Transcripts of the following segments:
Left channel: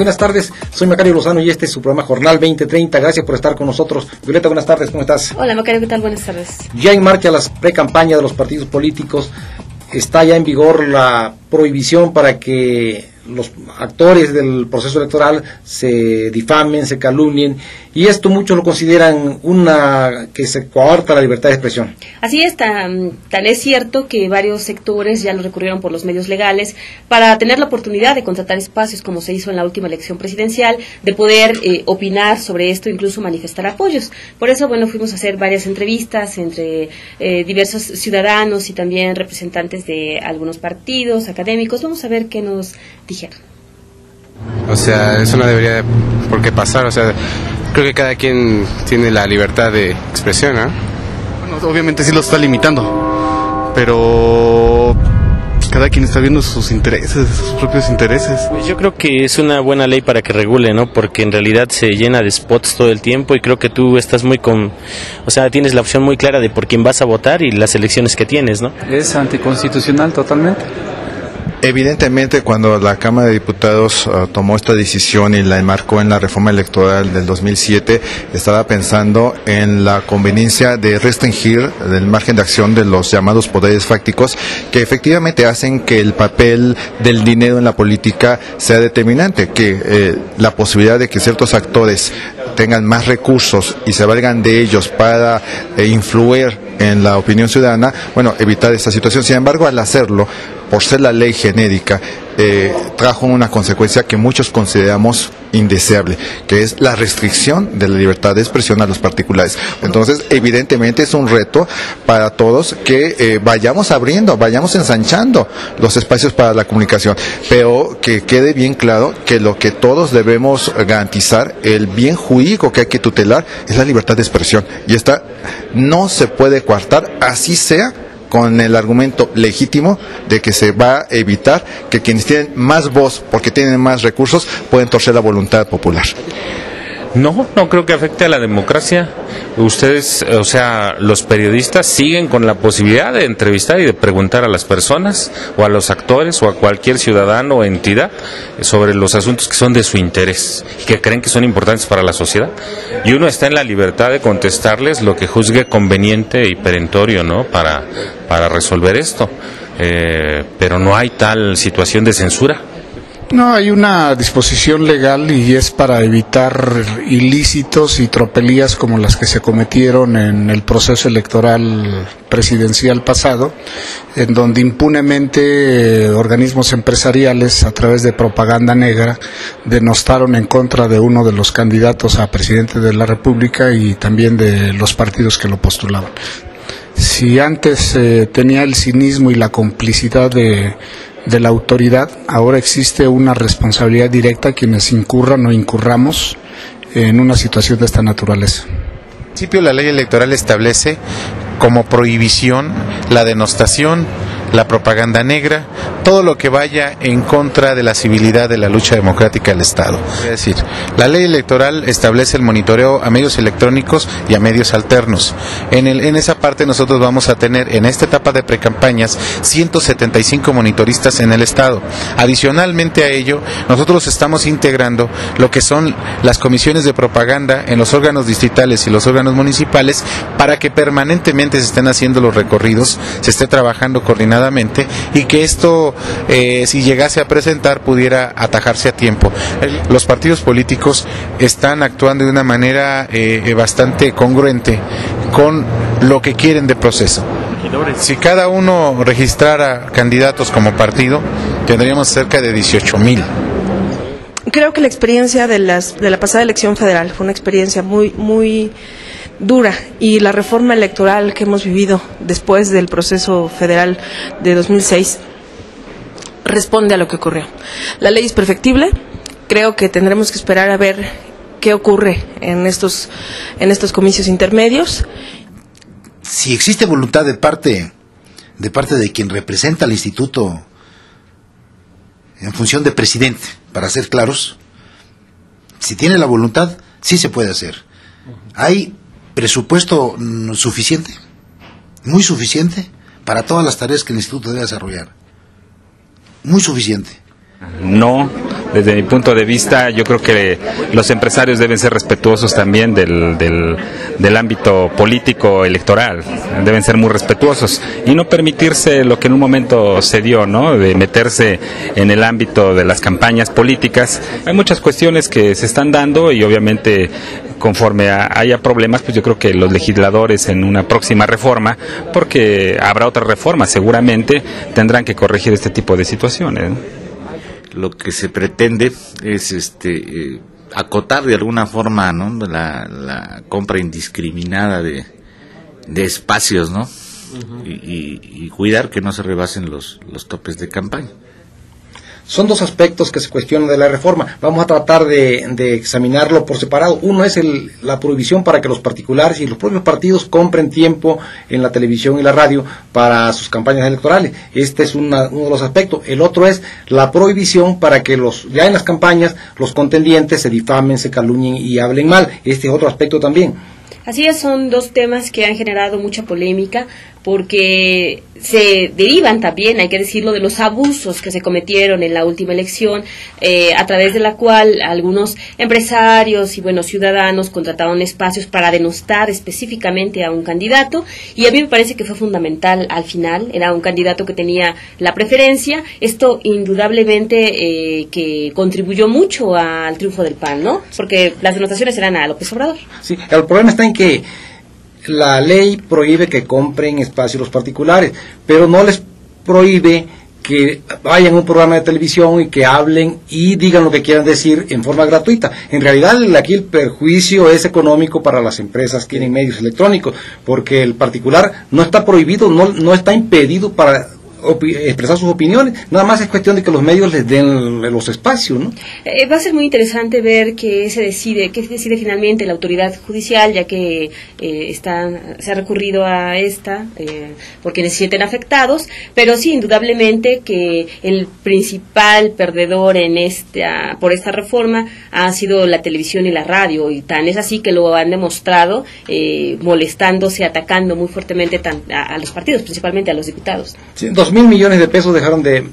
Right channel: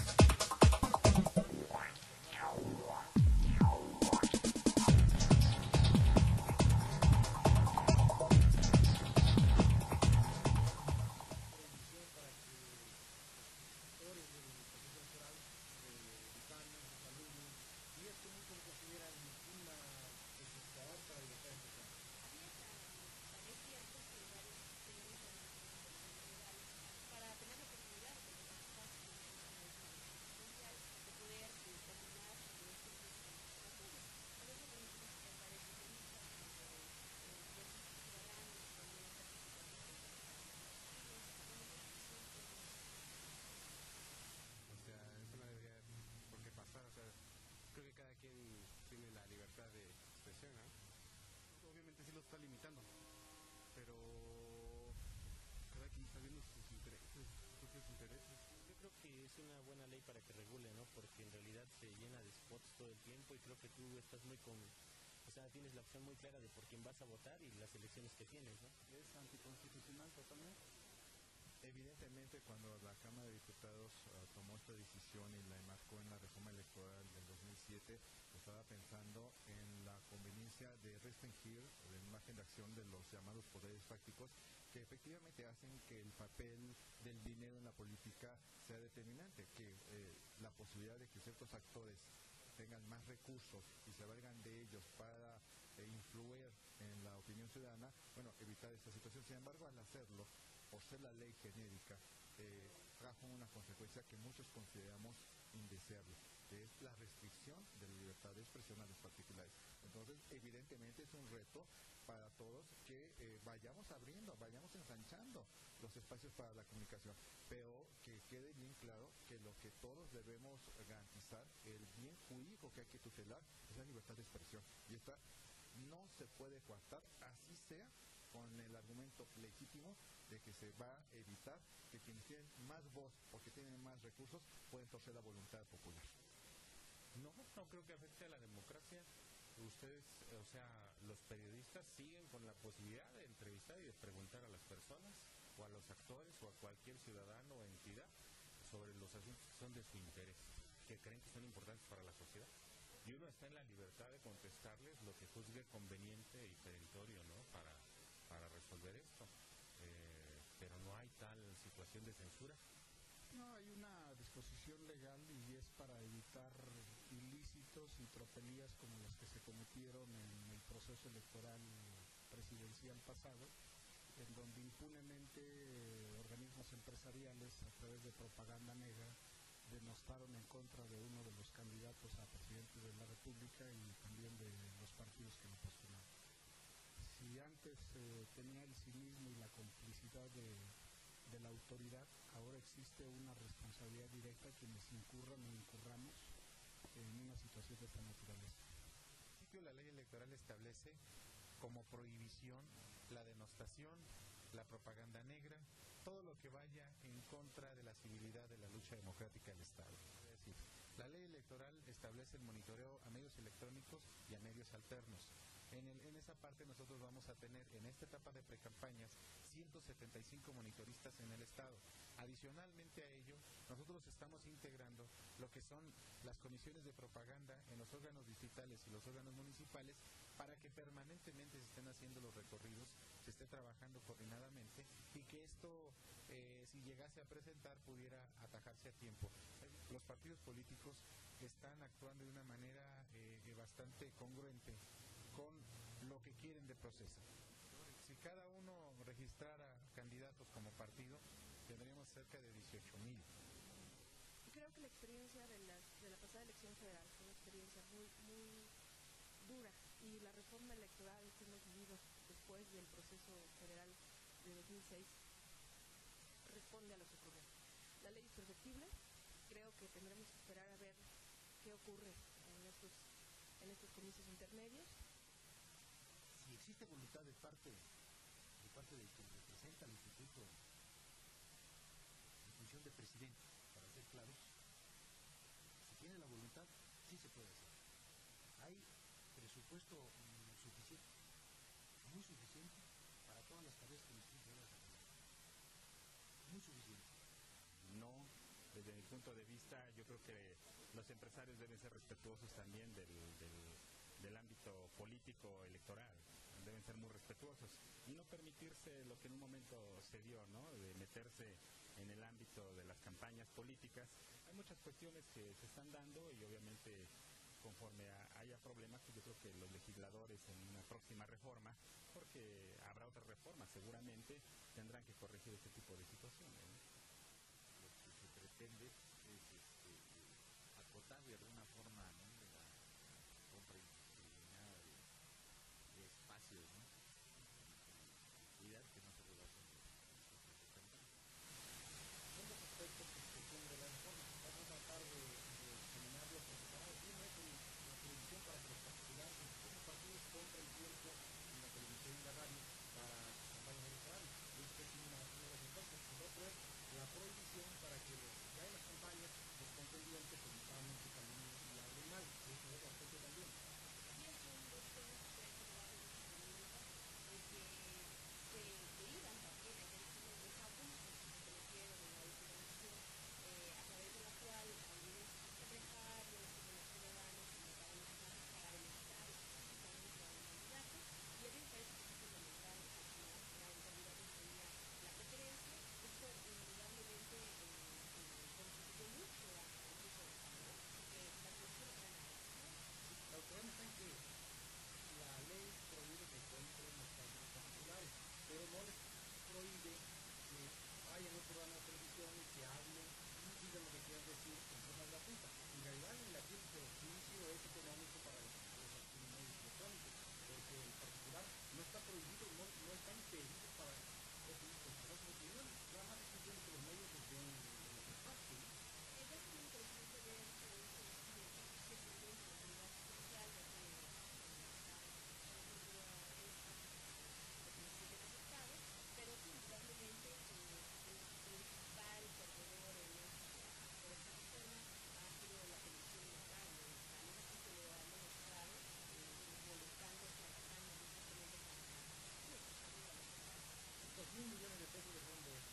Buenas tardes, soy Macario Lozano y este es su programa Jornal 2030. Gracias por estar con nosotros. Violeta, buenas tardes, ¿cómo estás? Hola Macario, ¿qué tal? Buenas tardes. Ya en marcha las pre-campañas de los partidos políticos. Está ya en vigor la prohibición para que los actores del proceso electoral se difamen, se calumnien, y esto muchos lo consideran que se coarta la libertad de expresión. Así es, tan es cierto que varios sectores ya lo recurrieron por los medios legales para tener la oportunidad de contratar espacios, como se hizo en la última elección presidencial, de poder opinar sobre esto, incluso manifestar apoyos. Por eso, fuimos a hacer varias entrevistas entre diversos ciudadanos y también representantes de algunos partidos académicos. Vamos a ver qué nos dijeron. O sea, eso no debería por qué pasar, o sea, creo que cada quien tiene la libertad de expresión, ¿no? Bueno, obviamente sí lo está limitando, pero cada quien está viendo sus intereses, sus propios intereses. Pues yo creo que es una buena ley para que regule, ¿no? Porque en realidad se llena de spots todo el tiempo y creo que tú estás tienes la opción muy clara de por quién vas a votar y las elecciones que tienes, ¿no? Es anticonstitucional totalmente. Evidentemente, cuando la Cámara de Diputados tomó esta decisión y la enmarcó en la reforma electoral del 2007, estaba pensando en la conveniencia de restringir el margen de acción de los llamados poderes fácticos, que efectivamente hacen que el papel del dinero en la política sea determinante, que la posibilidad de que ciertos actores tengan más recursos y se valgan de ellos para influir en la opinión ciudadana, evitar esta situación. Sin embargo, al hacerlo, por ser la ley genérica, trajo una consecuencia que muchos consideramos indeseable, que es la restricción de la libertad de expresión a los particulares. Entonces, evidentemente es un reto para todos que vayamos abriendo, vayamos ensanchando los espacios para la comunicación, pero que quede bien claro que lo que todos debemos garantizar, el bien jurídico que hay que tutelar, es la libertad de expresión, y esta no se puede coartar, así sea con el argumento legítimo de que se va a evitar que quienes tienen más voz, porque tienen más recursos, pueden torcer la voluntad popular. No creo que afecte a la democracia. Ustedes, los periodistas siguen con la posibilidad de entrevistar y de preguntar a las personas o a los actores o a cualquier ciudadano o entidad sobre los asuntos que son de su interés, que creen que son importantes para la sociedad. Y uno está en la libertad de contestarles lo que juzgue conveniente y perentorio, ¿no? Para resolver esto. Pero no hay tal situación de censura. No, hay una disposición legal y es para evitar ilícitos y tropelías como las que se cometieron en el proceso electoral presidencial pasado, en donde impunemente organismos empresariales a través de propaganda negra denostaron en contra de uno de los candidatos a presidente de la República y también de los partidos que lo postulaban. Si antes tenía el cinismo y la complicidad de la autoridad, ahora existe una responsabilidad directa quienes incurran o incurramos en una situación de esta naturaleza. En principio, la ley electoral establece como prohibición la denostación, la propaganda negra, todo lo que vaya en contra de la civilidad de la lucha democrática del Estado. Es decir, la ley electoral establece el monitoreo a medios electrónicos y a medios alternos. En esa parte nosotros vamos a tener en esta etapa de precampañas 175 monitoristas en el Estado. Adicionalmente a ello, nosotros estamos integrando lo que son las comisiones de propaganda en los órganos distritales y los órganos municipales para que permanentemente se estén haciendo los recorridos, se esté trabajando coordinadamente y que esto, si llegase a presentar, pudiera atajarse a tiempo. Los partidos políticos están actuando de una manera bastante congruente con lo que quieren de proceso. Si cada uno registrara candidatos como partido, tendríamos cerca de 18,000. Creo que la experiencia de la pasada elección federal fue una experiencia muy dura, y la reforma electoral que hemos vivido después del proceso federal de 2006 responde a lo que ocurrió. La ley es perfectible, creo que tendremos que esperar a ver qué ocurre en estos comicios intermedios. Si existe voluntad de parte de quien representa al instituto en función de presidente, para ser claros, si tiene la voluntad, sí se puede hacer. Hay presupuesto suficiente, muy suficiente, para todas las tareas que el instituto debe desarrollar. Muy suficiente. No, Desde mi punto de vista, yo creo que los empresarios deben ser respetuosos también del ámbito político electoral, deben ser muy respetuosos y no permitirse lo que en un momento se dio, ¿no? De meterse en el ámbito de las campañas políticas. Hay muchas cuestiones que se están dando y obviamente conforme haya problemas, pues yo creo que los legisladores en una próxima reforma, porque habrá otras reformas seguramente, tendrán que corregir este tipo de situaciones, ¿no? Lo que se pretende es acotar de alguna forma, ¿no?, la compra indiscriminada de espacios, ¿no? Y cuidar que no se rebasen los topes de campaña. Son dos aspectos que se cuestionan de la reforma. Vamos a tratar de examinarlo por separado. Uno es la prohibición para que los particulares y los propios partidos compren tiempo en la televisión y la radio para sus campañas electorales. Este es uno de los aspectos. El otro es la prohibición para que ya en las campañas los contendientes se difamen, se calumnien y hablen mal. Este es otro aspecto también. Así es, son dos temas que han generado mucha polémica porque se derivan también, hay que decirlo, de los abusos que se cometieron en la última elección, a través de la cual algunos empresarios y ciudadanos contrataron espacios para denostar específicamente a un candidato, y a mí me parece que fue fundamental al final, era un candidato que tenía la preferencia. Esto indudablemente que contribuyó mucho al triunfo del PAN, ¿no? Porque las denotaciones eran a López Obrador. Sí, el problema está en que la ley prohíbe que compren espacios los particulares, pero no les prohíbe que vayan a un programa de televisión y que hablen y digan lo que quieran decir en forma gratuita. En realidad aquí el perjuicio es económico para las empresas que tienen medios electrónicos, porque el particular no está prohibido, no está impedido para expresar sus opiniones, nada más es cuestión de que los medios les den los espacios, ¿no? Va a ser muy interesante ver qué se decide finalmente la autoridad judicial, ya que se ha recurrido a esta por quienes se sienten afectados, pero sí, indudablemente que el principal perdedor por esta reforma ha sido la televisión y la radio, y tan es así que lo han demostrado molestándose, atacando muy fuertemente a los partidos, principalmente a los diputados. Sí, 2.000 millones de pesos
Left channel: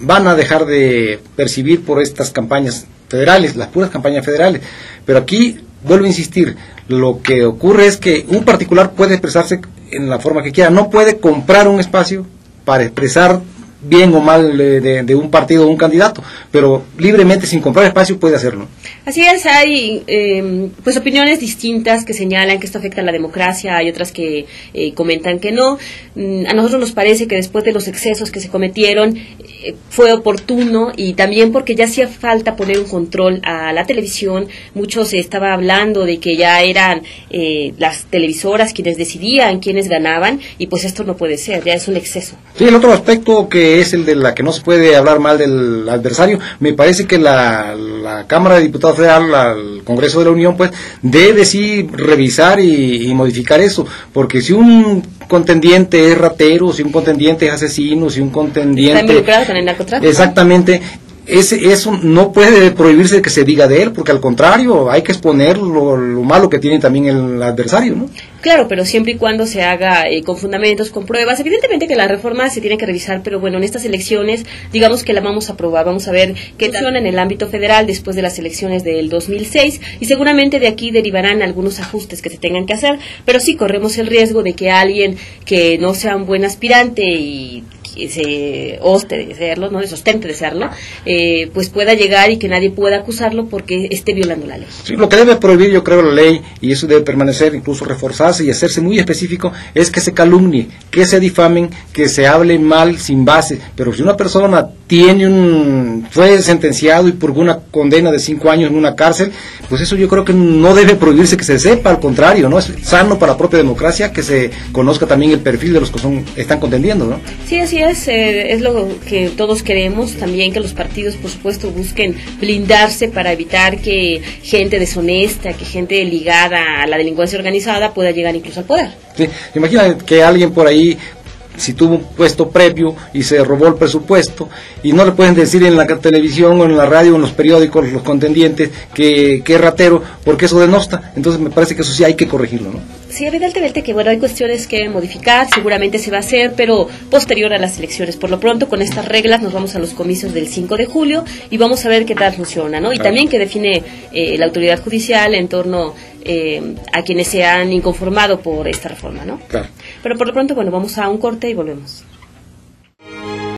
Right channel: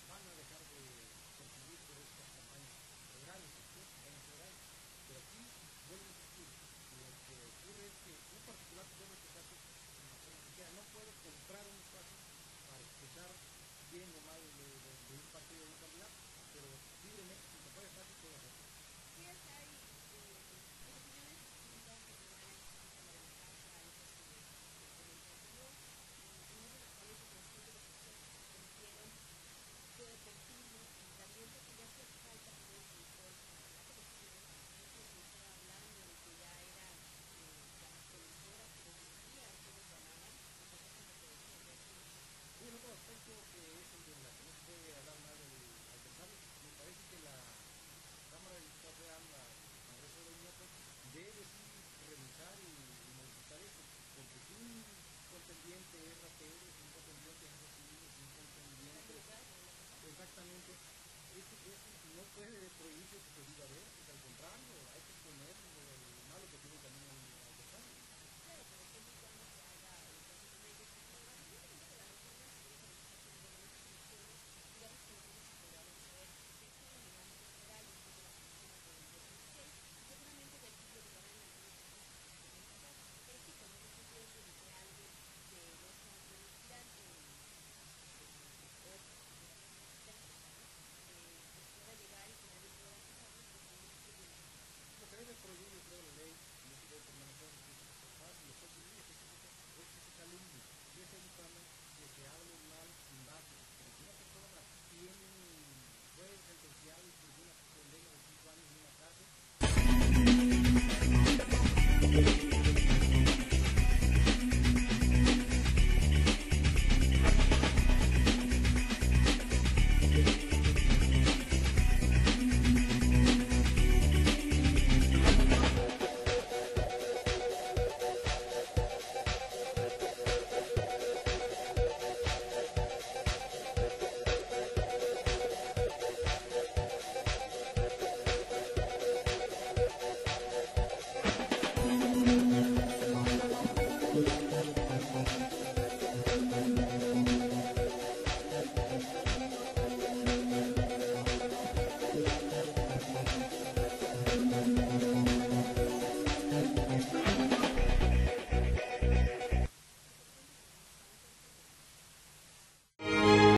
van a dejar de percibir por estas campañas federales, las puras campañas federales. Pero aquí, vuelvo a insistir, lo que ocurre es que un particular puede expresarse en la forma que quiera, no puede comprar un espacio para expresar bien o mal de un partido o un candidato, pero libremente, sin comprar espacio, puede hacerlo. Así es, hay opiniones distintas que señalan que esto afecta a la democracia, hay otras que comentan que no. A nosotros nos parece que después de los excesos que se cometieron fue oportuno, y también porque ya hacía falta poner un control a la televisión. Mucho se estaba hablando de que ya eran las televisoras quienes decidían quiénes ganaban, y pues esto no puede ser, ya es un exceso. Sí, el otro aspecto que es el de la que no se puede hablar mal del adversario, me parece que la Cámara de Diputados Federal, el Congreso de la Unión, pues debe sí revisar y modificar eso, porque si un contendiente es ratero, si un contendiente es asesino, si un contendiente está involucrado con el narcotráfico, exactamente, eso no puede prohibirse que se diga de él, porque al contrario, hay que exponer lo malo que tiene también el adversario, ¿no? Claro, pero siempre y cuando se haga con fundamentos, con pruebas. Evidentemente que la reforma se tiene que revisar, pero bueno, en estas elecciones, digamos que la vamos a probar, vamos a ver qué funciona en el ámbito federal después de las elecciones del 2006, y seguramente de aquí derivarán algunos ajustes que se tengan que hacer, pero sí corremos el riesgo de que alguien que no sea un buen aspirante y se ostente de serlo, no se ostente de serlo, pues pueda llegar y que nadie pueda acusarlo porque esté violando la ley. Sí, lo que debe prohibir, yo creo, la ley, y eso debe permanecer, incluso reforzarse y hacerse muy específico, es que se calumnie, que se difamen, que se hable mal sin base. Pero si una persona fue sentenciado y purgó una condena de 5 años en una cárcel, pues eso yo creo que no debe prohibirse que se sepa, al contrario, ¿no? Es sano para la propia democracia que se conozca también el perfil de los que están contendiendo, ¿no? Sí, así es lo que todos queremos, también que los partidos, por supuesto, busquen blindarse para evitar que gente deshonesta, que gente ligada a la delincuencia organizada pueda llegar incluso al poder. Sí, imagina que alguien por ahí, si tuvo un puesto previo y se robó el presupuesto, y no le pueden decir en la televisión o en la radio o en los periódicos los contendientes que es ratero, porque eso denosta. Entonces me parece que eso sí hay que corregirlo, ¿no? Sí, evidentemente que bueno, hay cuestiones que modificar, seguramente se va a hacer, pero posterior a las elecciones. Por lo pronto, con estas reglas nos vamos a los comicios del 5 de julio y vamos a ver qué tal funciona, ¿no? Y también qué define la autoridad judicial en torno a quienes se han inconformado por esta reforma, ¿no? Claro. Pero por lo pronto, bueno, vamos a un corte y volvemos.